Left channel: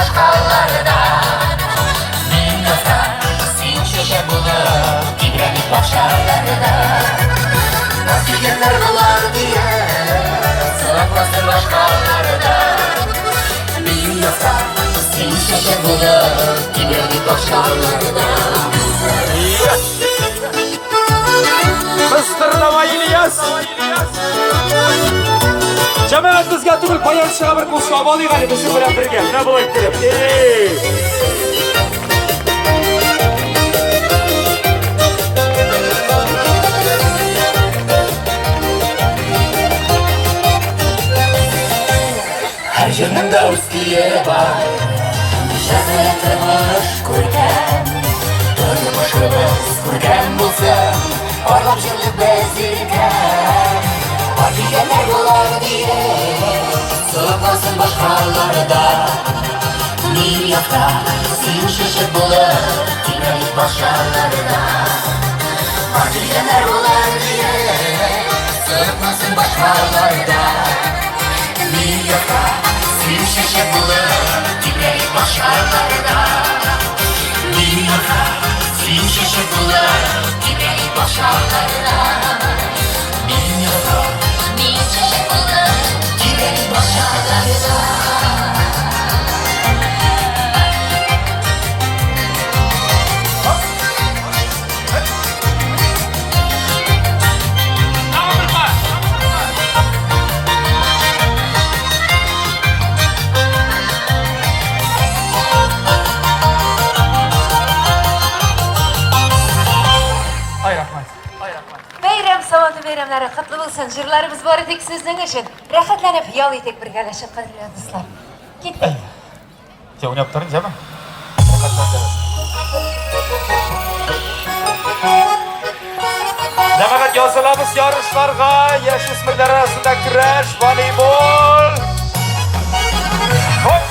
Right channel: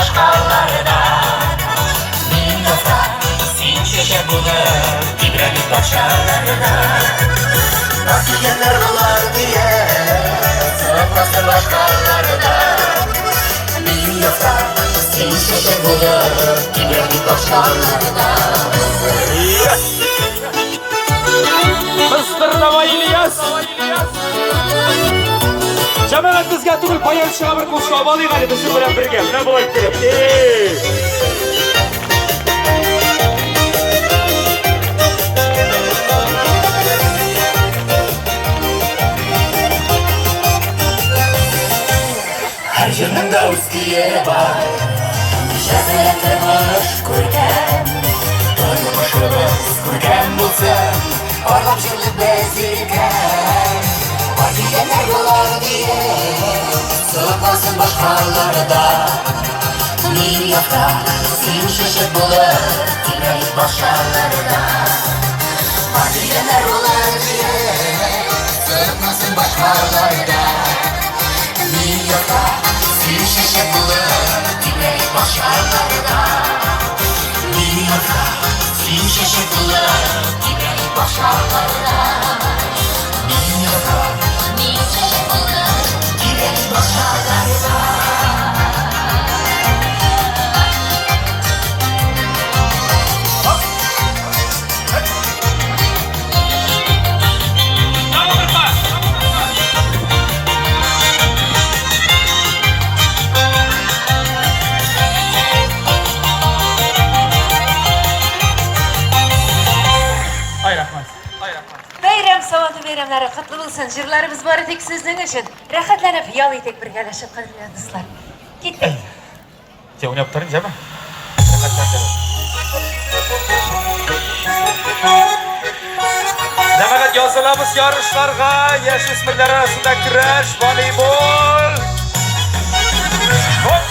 başkalardan. Min yasa, sin şişe bulur, İbrahim başkalardan. Nasıl yerler bular diye, sığınmasın başkalardan. Min yasa, sin şişe bulur, İbrahim başkalardan. Mısırlama İlyas. Cemaat bizga turib poyanchiga bir qo'shib oling hali biz bilan birga. Nima bo'lib turibdi? Her yanında uskiye var, nişazını tırmış koyken. Durmuşumuz koyken bulsun, orada çılık bezirken. Partiyeler dolar diye, sıkmasın başkaları da. Milyakta sin şişe bulur, dinleyiz başkaları da. Partiyeler dolar diye, sıkmasın başkaları da. Milyakta sin şişe bulur, dinleyiz başkaları da. Milyakta sin şişe bulur, dinleyiz başkaları da. Milyakta sin şişe bulur, dinleyiz başkaları da. Bayramlari qutlu bo'lsin. Jirlarimiz bor edik sizdan uchun. Rohatlanib yol edik birgalashib qadrli do'stlar. Ketdik. Sen o'ynab turing, jama. Jamoat yo'salamiz yarishlarga, yosh o'smirlar orasida kurash, voleybol. Hoy!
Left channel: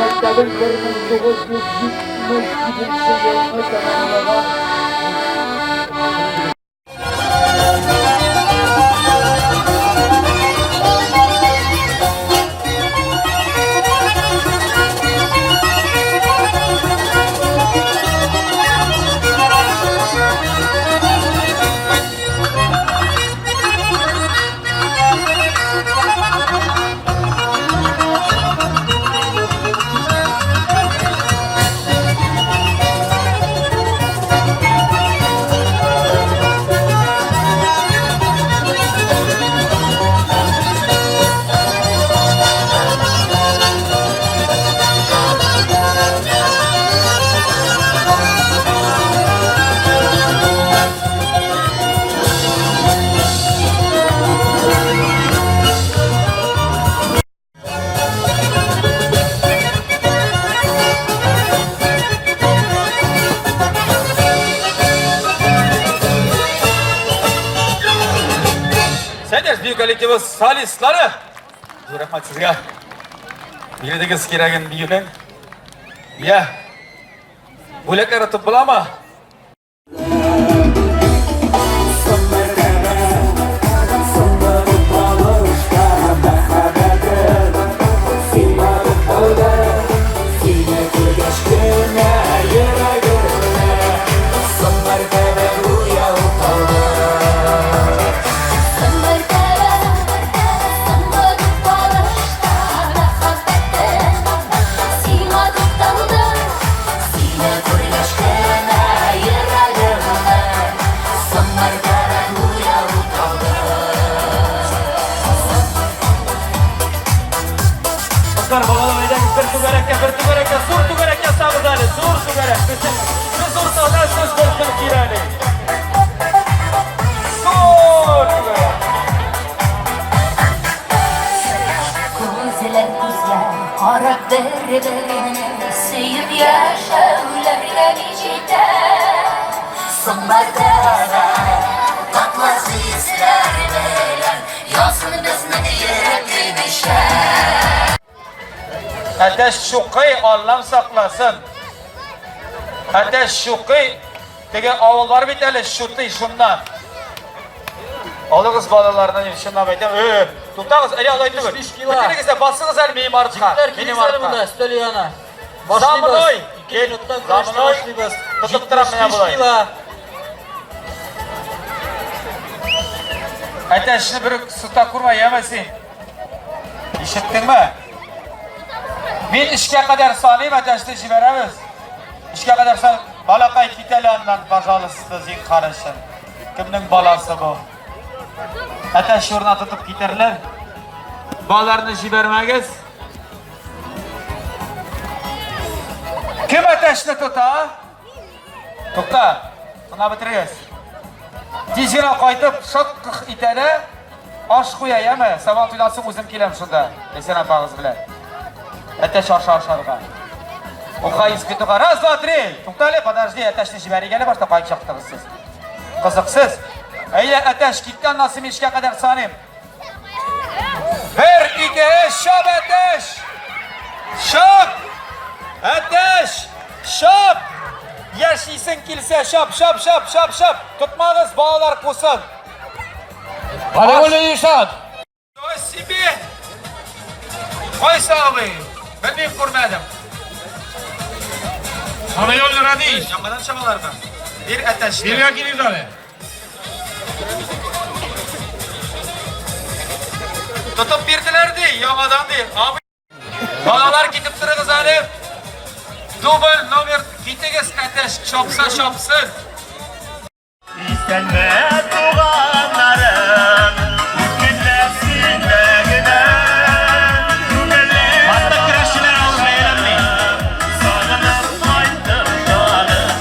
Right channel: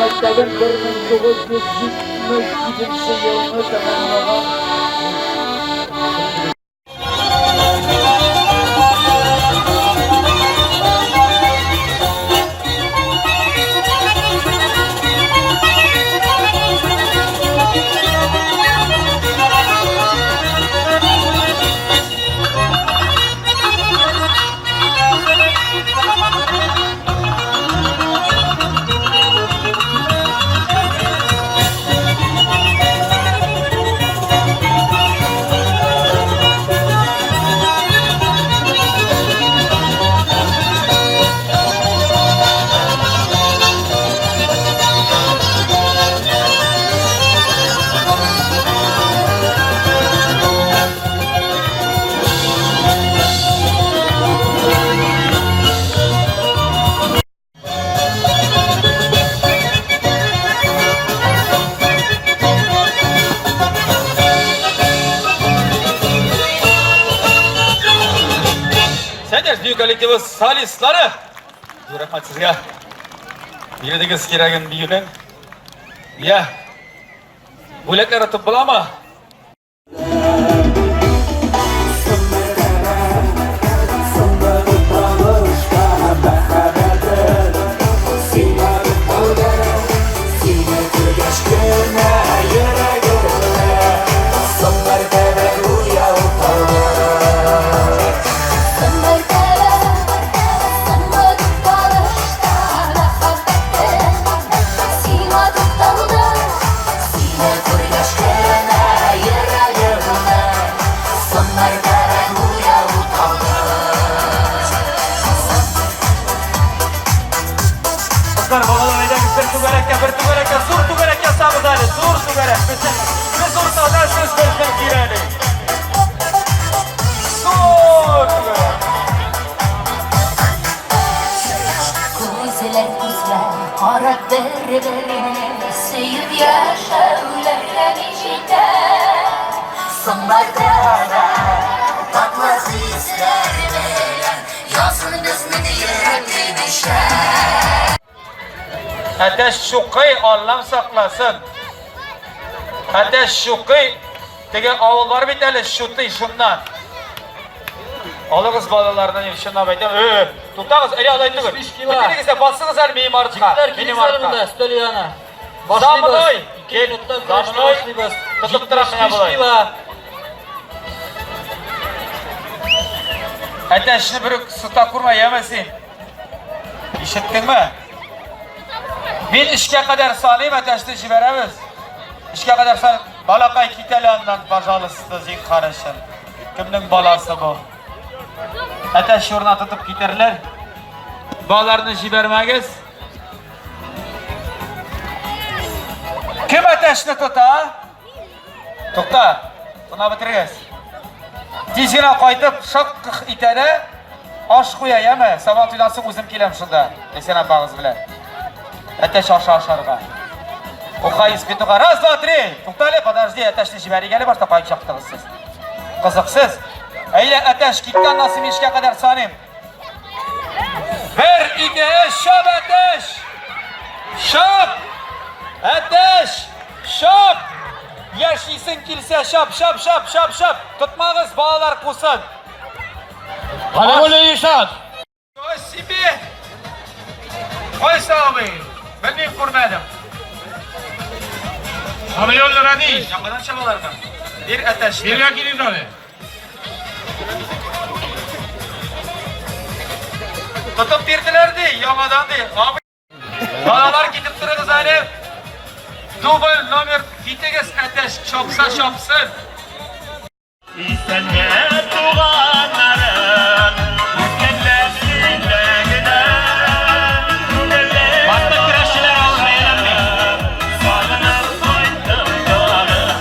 Maktabın 1972 yılını tamamlanan Büyükellikimiz solistleri. Rahmat sizga. Yerdagi keragin biyuning. Ya. Bo'laklar atib bo'ladimi? Biz ortadan söz versen gireni. Dur! Derlerine sevip yaşarlardan içinde Sonbaharda tatlı hisler veren Yazın bizning yürekli düşer Ateş şuqi Allah'ım saklasın. Ateş şuqi Tege avullar biteli şuti şundan. Alığız balalarını şundan baytam. Tutağız eli alaydı bir. Bitirigizde basınız el miyim artığa. Benim artığa. Stelyana. Zamonoy. 2 minutdan Zamonoy. başlayız. Tutup tarafına bulay. Ateşini bir sıta kurma yemesin. İşittin mi? Ben işe kadar salayım ateşte jiberemiz. İşe kadar salayım. Balakay kitelyandan bajalısızda zik karışın. Kimnin balası bu? Ateş yuruna tutup giderler. Bağlarını jibermegiz. Kim ateşini tuta? Tuta. Buna bitiriz. Tizine koyup şak itede aş koya yeme. Sabah tüylası uzun kilem şunda. Desene bağız bile. Ateş aşağıga. O kayıs bituğa. Раз, два, три. Tuktale подожди. Ateşini jiberi gelip başta kayık yaptınız siz. Kızıksız. Eyle ateş gitten nasıl işe kadar sanayım. Ver ideye şap ateş. Şap. Ateş. Şap. Yaşaysın kilse şap şap şap şap şap. Tutmağız bağlar kusun. Hadi öyle yaşat. O sibi. Koy sahibi. Ben bir kurmadım. Sana yollara değil. Yamadan şamalardan. Bir ateş. Bir yakiniz abi. Tutup birdiler değil, yamadan değil. Abi. Balalar gidip durdu zalim. Dubal nomer gittiğiniz ateş şopsa şopsun. İstenme tuğanlarım Mükellefsinle giden Hatta kreşler almayalım Sağlanıp koydum doğalım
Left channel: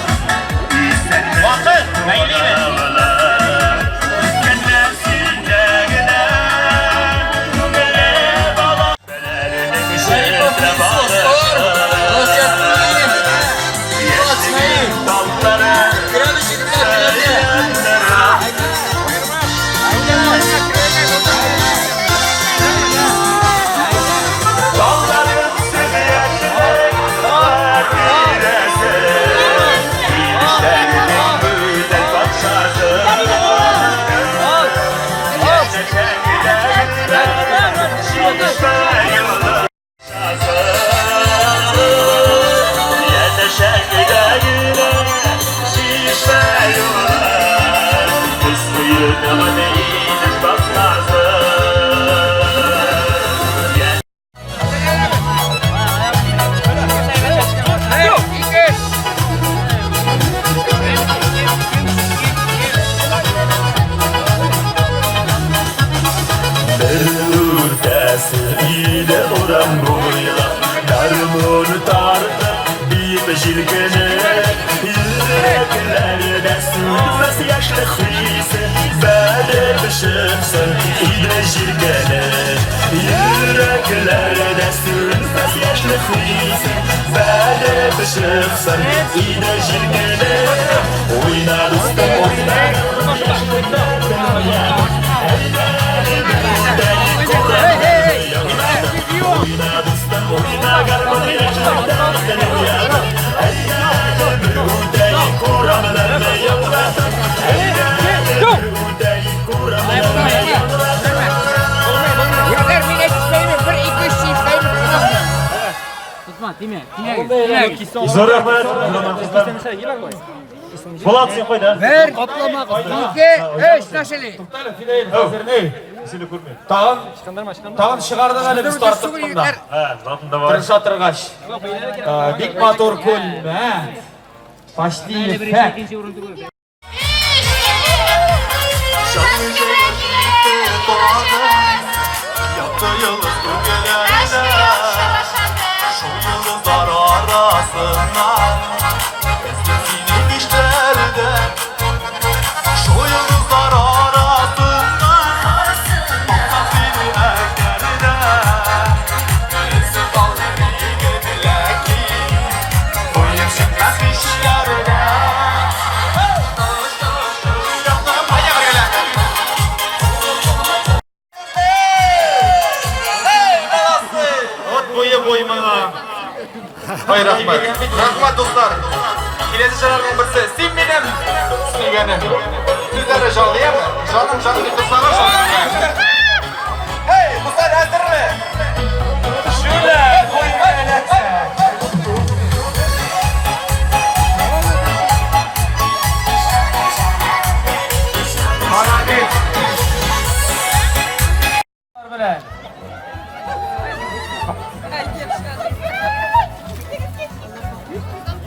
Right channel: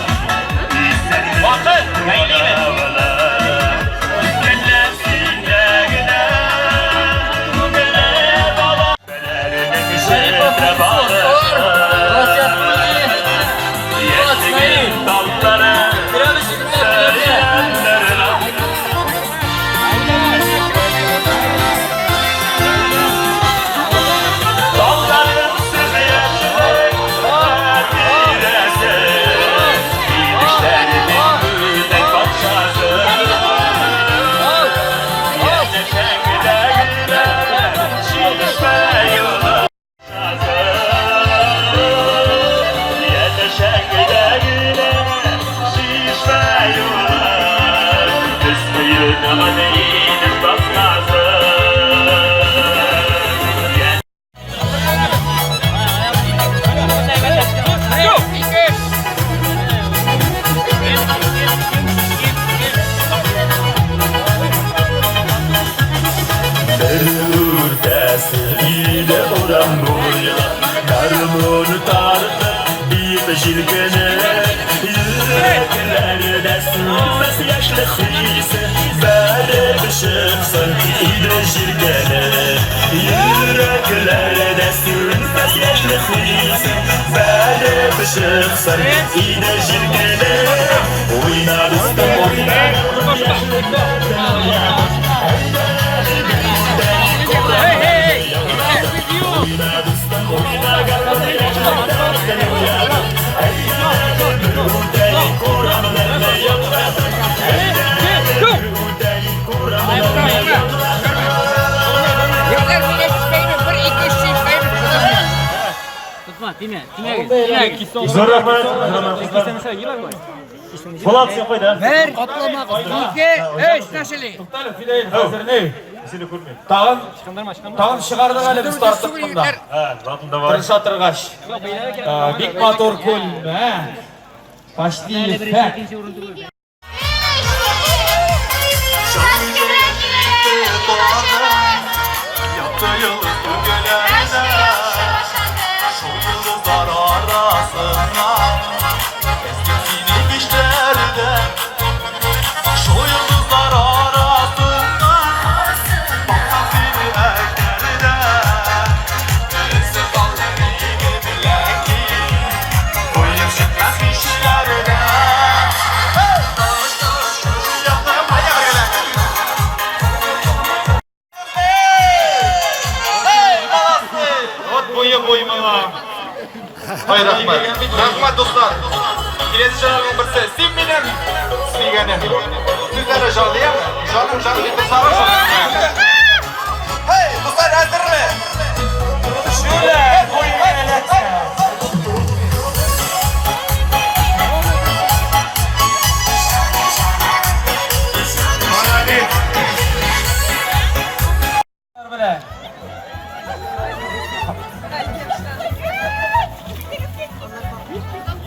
İstenme vakit meyliyim Mükellefsinle giden Mükellev baba Belerinin üzerine bağlışım Yeşimin dallara Darmur tartıp bir şirkene Yüreklerde sürmez yaşlı hıysı Bade ışıksın ide şirkene Yüreklerde sürmez yaşlı hıysı Bade ışıksın ide şirkene Oynar üstte oynar yaşlı dağdan Zor yapar. Polat sen koy da. Ver. Atlama. 2, 3, naşeli. Hazır ne? İsini kurmuyor. Tamam çıkardın hadi biz tartıp bunda. He, zatında var. Tırış atırgaç. Dik motor kun. Başlayın. Hay rahmat. Rahmat dostlar. Kelesi şarkının birisi. Sen benim sevganim. Sizlere canlıyam. Canım bitirsanız. Hey, dostlar hazır mı? Şöyle koymayın. Hadi. Bilen.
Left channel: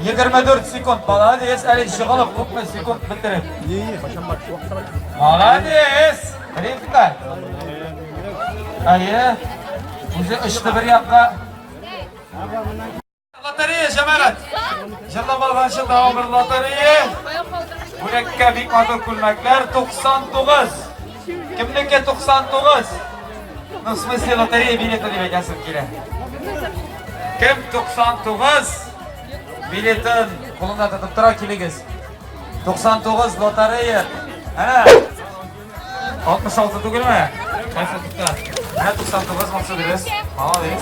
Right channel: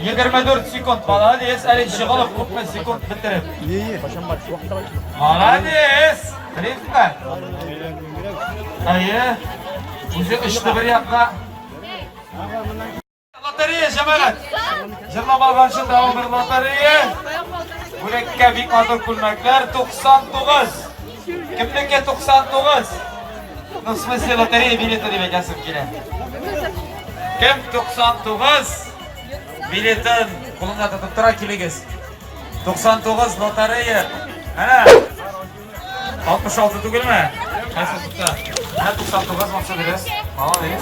Yigirma 4 sekund. Молодец, Ali Shig'ilov 40 sekund bitirib. Молодец. Qilyaptilar. Ayi. O'zi ishni bir yoqqa. Lotereya jamaat. Jilova başı davom bir lotereya. Murakkabik oda ko'lmaklar 99. Kimniki 99? Ну, в смысле, лотерея билеты deb aytasiz kerak. Kim 99 biletin qo'limda tutib turar keligiz. 99 lotereya. Ana 66 tugilmi? Qaysi tutdi? Ha 99 maqsadingiz. Молодец.